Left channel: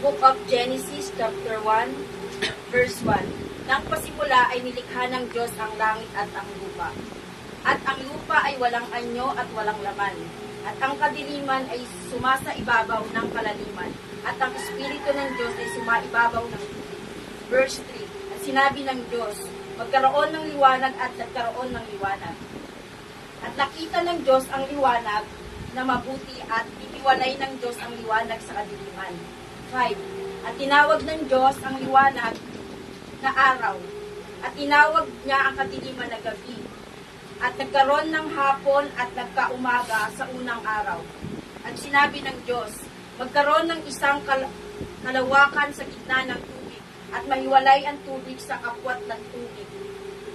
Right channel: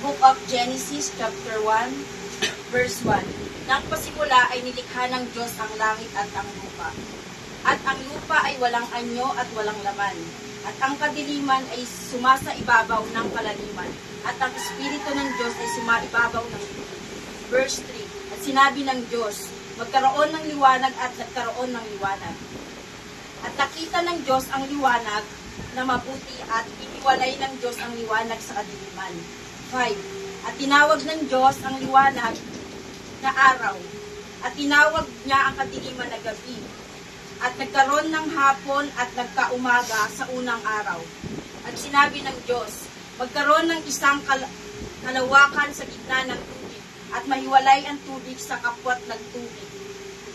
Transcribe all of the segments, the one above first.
book of Genesis, chapter 1, verse 1. Nang pasimula ay nilikha ng Diyos ang langit at ang lupa. At ang lupa ay walang anyo at walang laman. At ang kadiliman ay sumasa ibabaw ng palaliman. At ang Espiritu ng Diyos ay sumaibabaw ng tubig. Verse 3. At sinabi ng Diyos, magkaroon ng liwanag at nagkaroon ng liwanag. At nakita ng Diyos ang liwanag na mabuti at iniwalay ng Diyos ang liwanag sa kadiliman. 5. At tinawag ng Diyos ang liwanag na araw. At tinawag niya ang kadiliman na gabi. At nagkaroon ng hapon at nagkaumaga sa unang araw. At sinabi ng Diyos, magkaroon ng isang kalawakan sa gitna ng tubig at mahiwalay ang tubig sa kapwat ng tubig.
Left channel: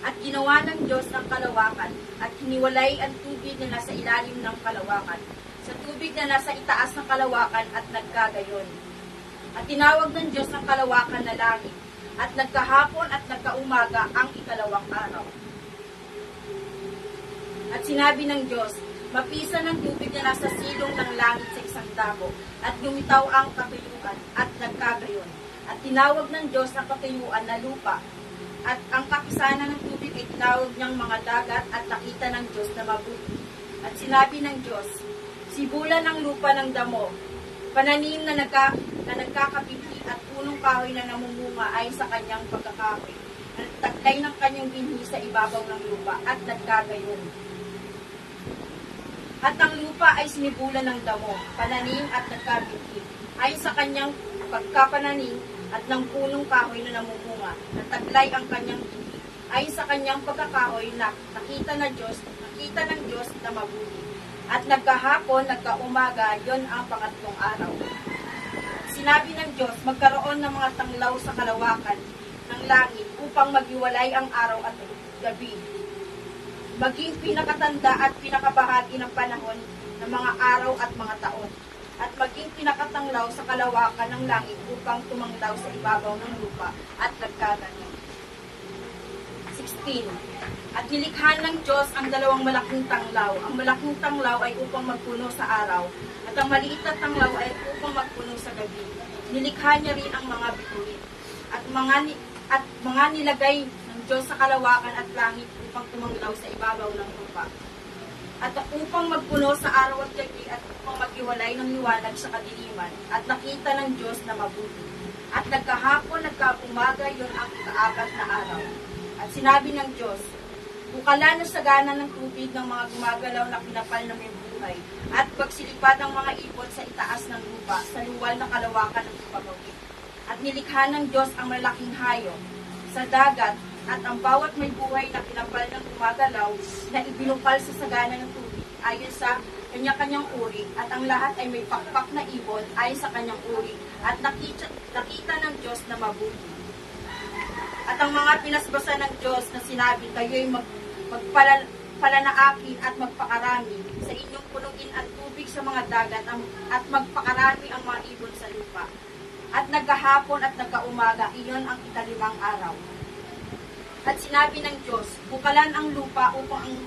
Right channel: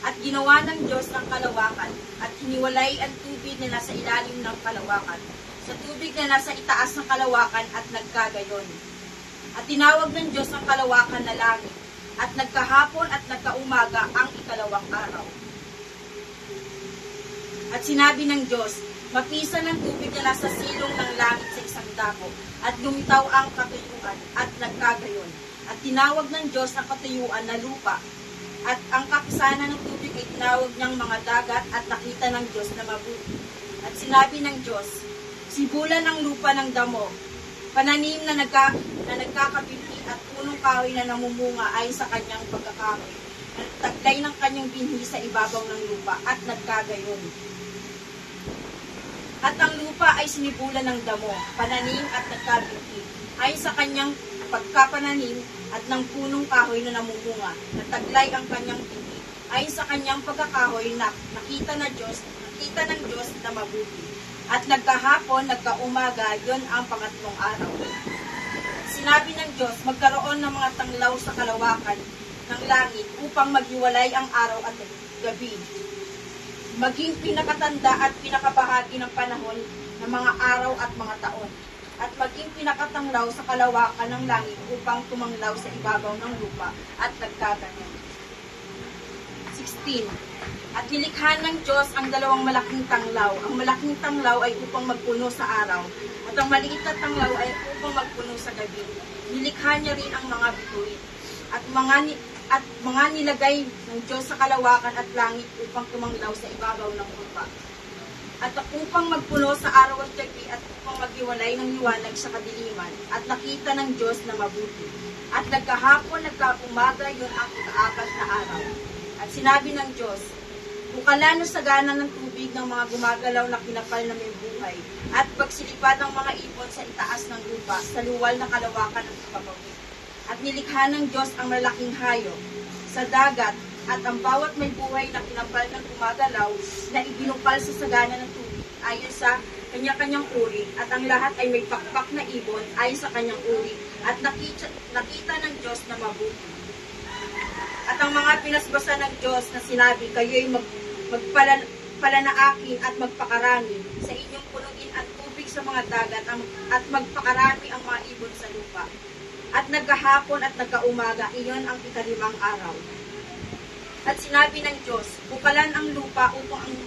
At ginawa ng Diyos ang kalawakan at hiniwalay ang tubig na nasa ilalim ng kalawakan sa tubig na nasa itaas ng kalawakan at nagkagayon. At tinawag ng Diyos ang kalawakan na langit at nagkahapon at nagkaumaga ang ikalawang araw. At sinabi ng Diyos, mapisan ng tubig na nasa silong ng langit sa isang dako, at lumitaw ang katuyuan, at nagkagayon. At tinawag ng Diyos ang katuyuan na lupa, at ang kapisanan ng tubig ay tinawag niyang mga dagat, at nakita ng Diyos na mabuti. At sinabi ng Diyos, sibulan ang lupa ng damo, pananim na nagkakabinhi at punong kahoy na namumunga ay sa kanyang pagkakahoy, at taglay ng kanyang binhi sa ibabaw ng lupa, at nagkagayon. At ang lupa ay sinibulan ng damo, pananim at nagkabinhi, ay sa kanyang pagkapananim at ng punong kahoy na namumunga, nataglay ang kanyang binhi, ay sa kanyang pagkakahoy na nakita ng Diyos na mabuti. At nagkahapon, nagkaumaga, yon ang pangatlong araw. Sinabi ng Diyos, magkaroon ng mga tanglaw sa kalawakan ng langit upang maghiwalay ang araw at gabi, maging pinakatanda at pinakabahagi ng panahon ng mga araw at mga taon, at maging pinakatanglaw sa kalawakan ng langit upang tumanglaw sa ibabaw ng lupa, at nagkaganyan. 16. At nilikha ng Diyos ang dalawang malaking tanglaw. Ang malaking tanglaw ay upang magpuno sa araw, at ang maliit na tanglaw ay upang magpuno sa gabi. Nilikha niya rin ang mga bituin, at mga nilagay ng Diyos sa kalawakan at langit upang tumanglaw sa ibabaw ng lupa. At upang magpuno sa araw at gabi, at upang maghiwalay ng liwanag sa kadiliman, at nakita ng Diyos na mabuti. At nagkahapon, nagkaumaga, yun ang ikaapat na araw. At sinabi ng Diyos, bukalan na sagana ng tubig ng mga gumagalaw na kinapal na may buhay, at pagsilipad ng mga ipon sa itaas ng lupa, sa luwal na kalawakan ng ipapawid. At nilikha ng Diyos ang malaking hayop sa dagat, at ang bawat may buhay na kinapal ng gumagalaw na ibinukal sa sagana ng tubig ayon sa kanya-kanyang uri, at ang lahat ay may pakpak na ibon ayon sa kanyang uri, at nakita ng Diyos na mabuti. At ang mga pinasbasa ng Diyos na sinabi, kayo'y magpalanaakin at magpakarami sa inyong punuin at tubig sa mga dagat, at magpakarami ang mga ibon sa lupa. At nagkahapon at nagkaumaga, iyon ang ikalimang araw. At sinabi ng Diyos, bukalan ang lupa upang ang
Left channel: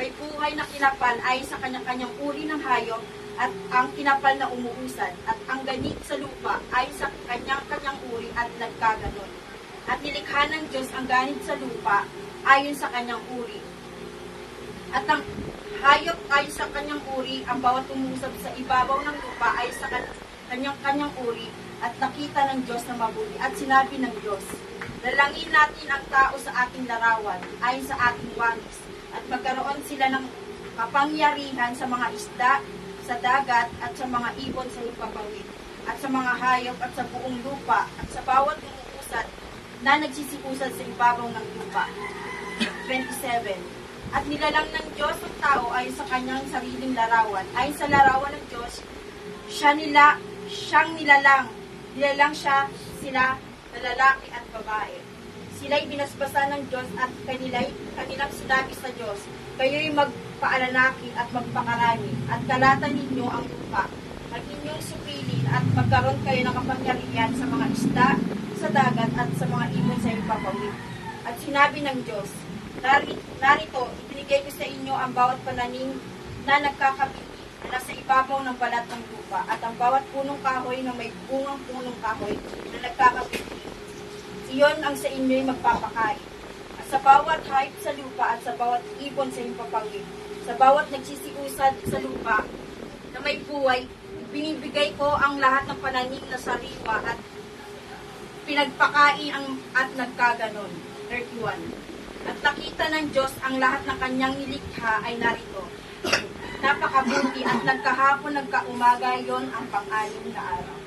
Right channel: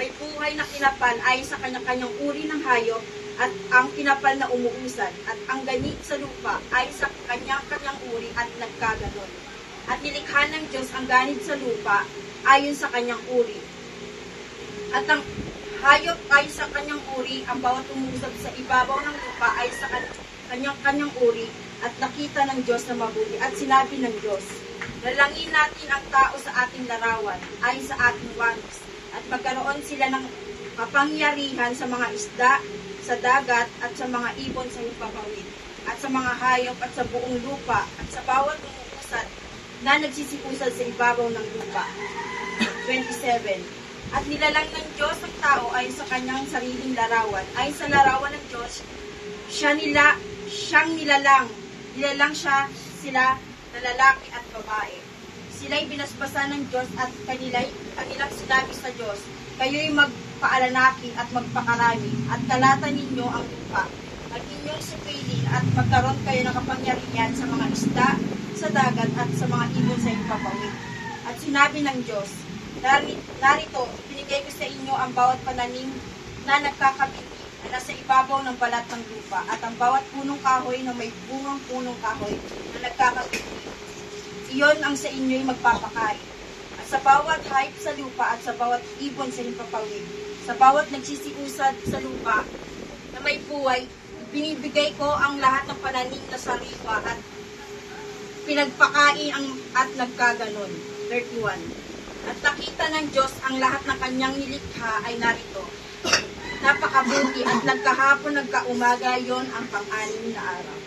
may buhay na kinapal ay sa kanya-kanyang uri ng hayop, at ang kinapal na umuusad, at ang ganit sa lupa ay sa kanyang-kanyang uri, at nagkaganon. At nilikha ng Diyos ang ganit sa lupa ayon sa kanyang uri. At ang hayop ay sa kanyang uri, ang bawat umusab sa ibabaw ng lupa ay sa kanyang uri, at nakita ng Diyos na mabuti. At sinabi ng Diyos, lalangin natin ang tao sa ating larawan, ayon sa ating walis, at magkaroon sila ng kapangyarihan sa mga isda, sa dagat, at sa mga ibon sa lupapawid, at sa mga hayop, at sa buong lupa, at sa bawat umuusad na nagsisikusad sa ibabaw ng lupa. 27. At nilalang ng Diyos ang tao ay sa kanyang sariling larawan. Ay sa larawan ng Diyos, siyang nilalang siya sila na lalaki at babae. Sila'y binasbasa ng Diyos, at kanilang sinabi sa Diyos, kayo'y magpaalalaki at magpakarami, at kalatan ninyo ang lupa, at inyong supilin, at magkaroon kayo ng kapangyarihan sa mga isda, sa dagat, at sa mga ibon sa ipapawid. At sinabi ng Diyos, narito, ibinigay ko sa inyo ang bawat pananim na nagkakabiti na nasa ibabaw ng balat ng lupa, at ang bawat punong kahoy na may bungang punong kahoy na nagkakatuloy. Iyon ang sa inyo'y magpapakain. At sa bawat hayop sa lupa at sa bawat ibon sa himpapawid, sa bawat nagsisiusad sa lupa na may buhay, binibigay ko ang lahat ng pananim na sariwa at pinagpakain at nagkaganon. 31. At nakita ng Diyos ang lahat ng kanyang nilikha ay narito. Napakabuti at nagkahapon nagkaumaga yon ang pang-anim na araw.